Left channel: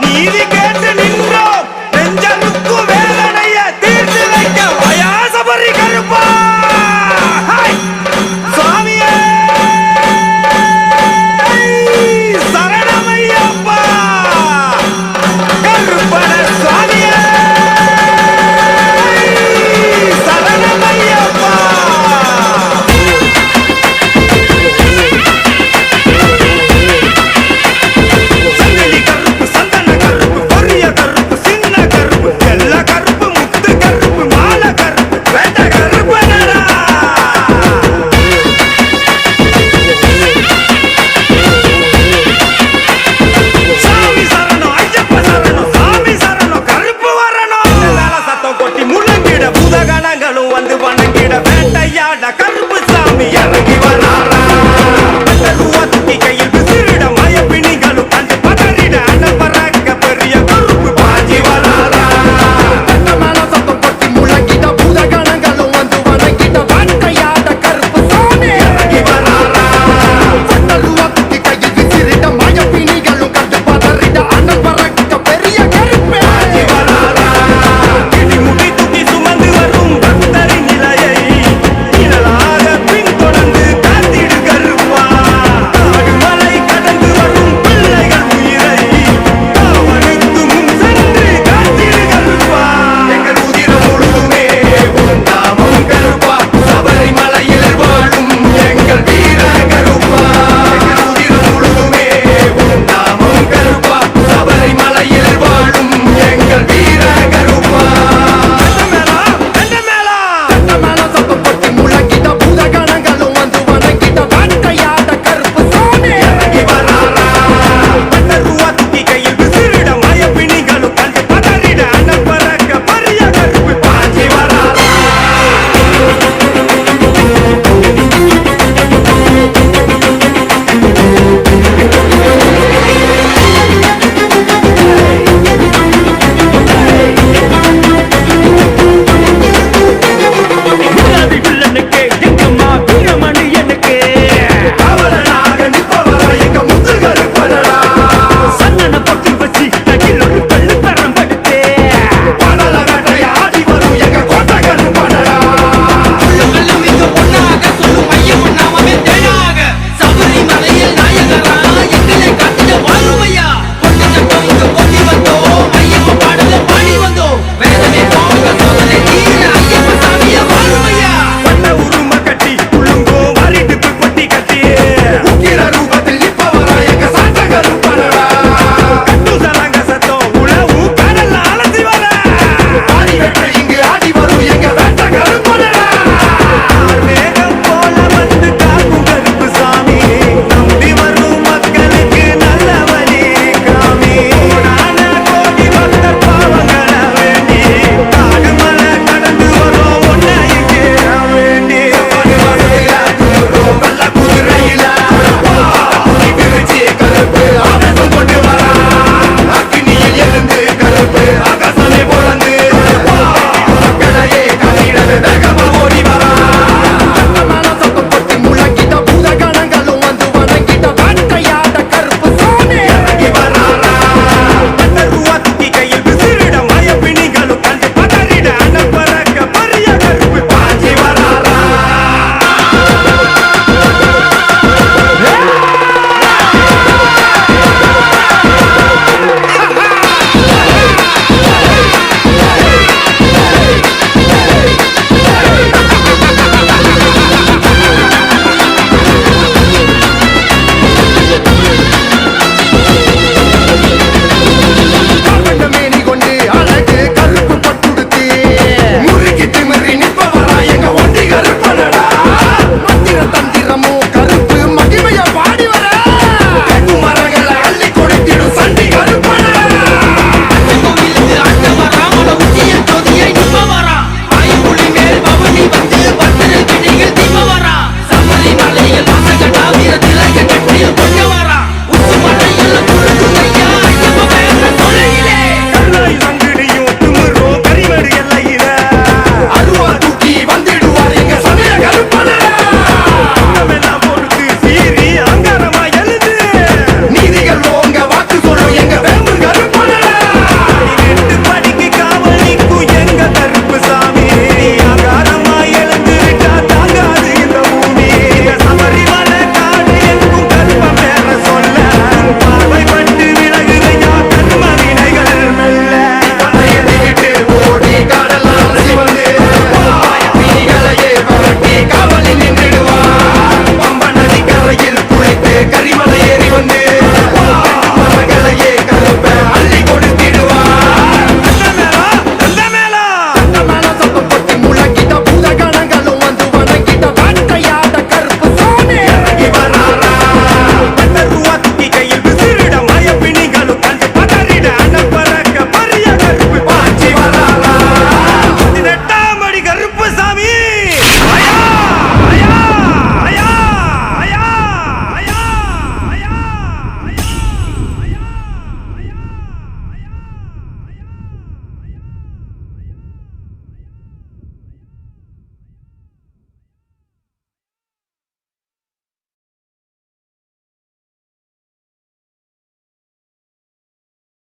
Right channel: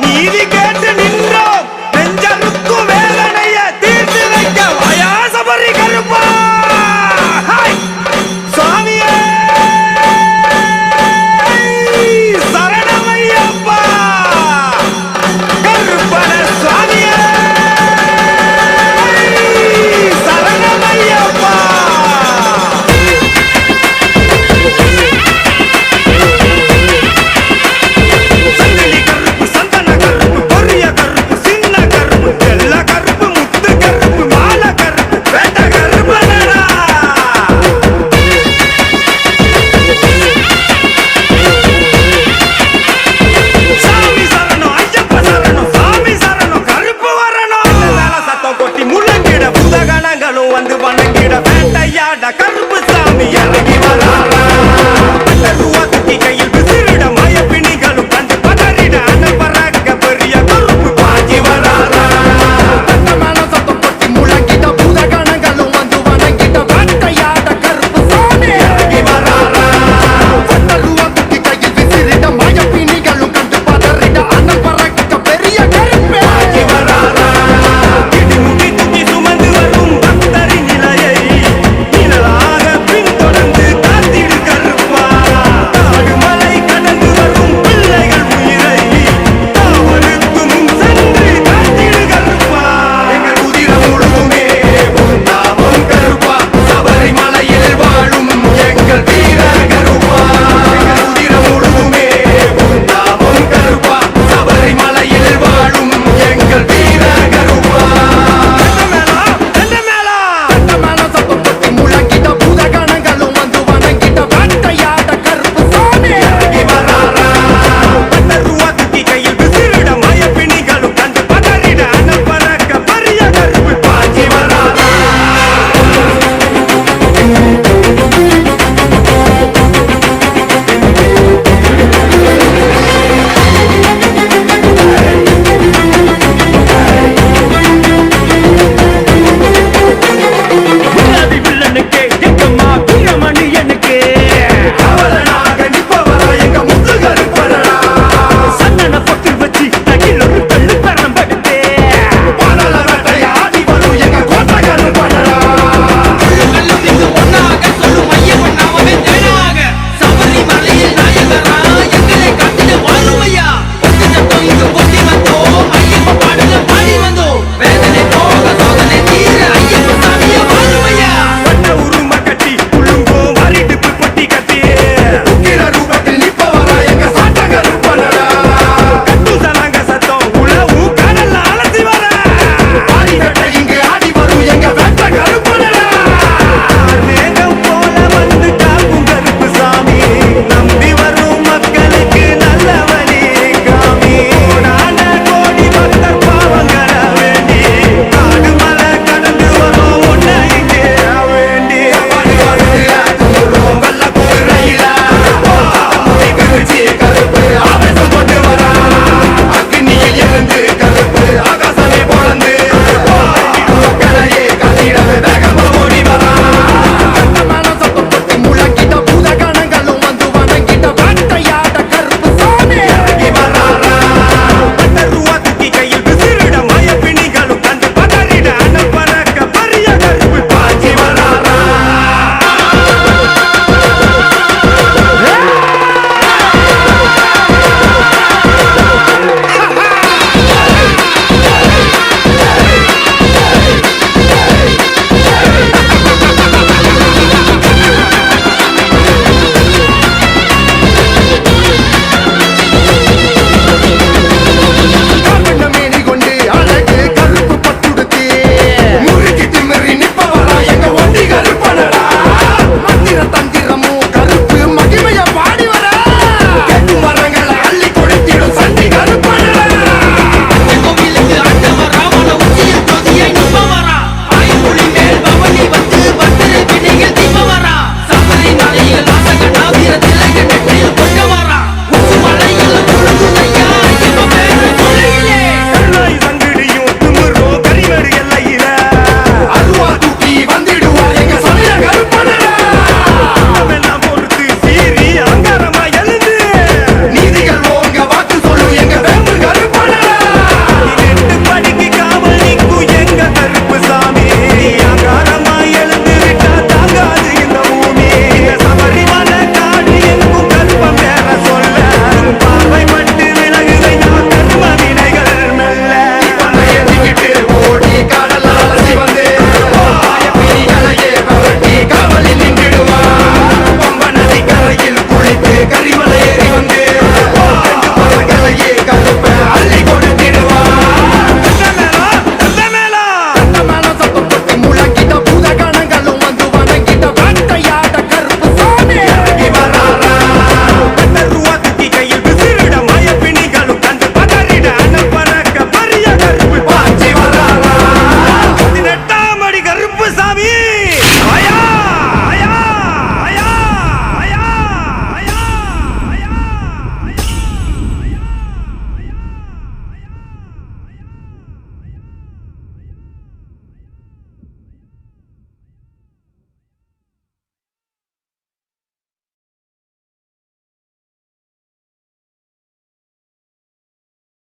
நீதி கேட்டு வணங்கிட வந்து வணங்கிட வேட்டையாட கருப்பு சாமி இறங்கி வராரா?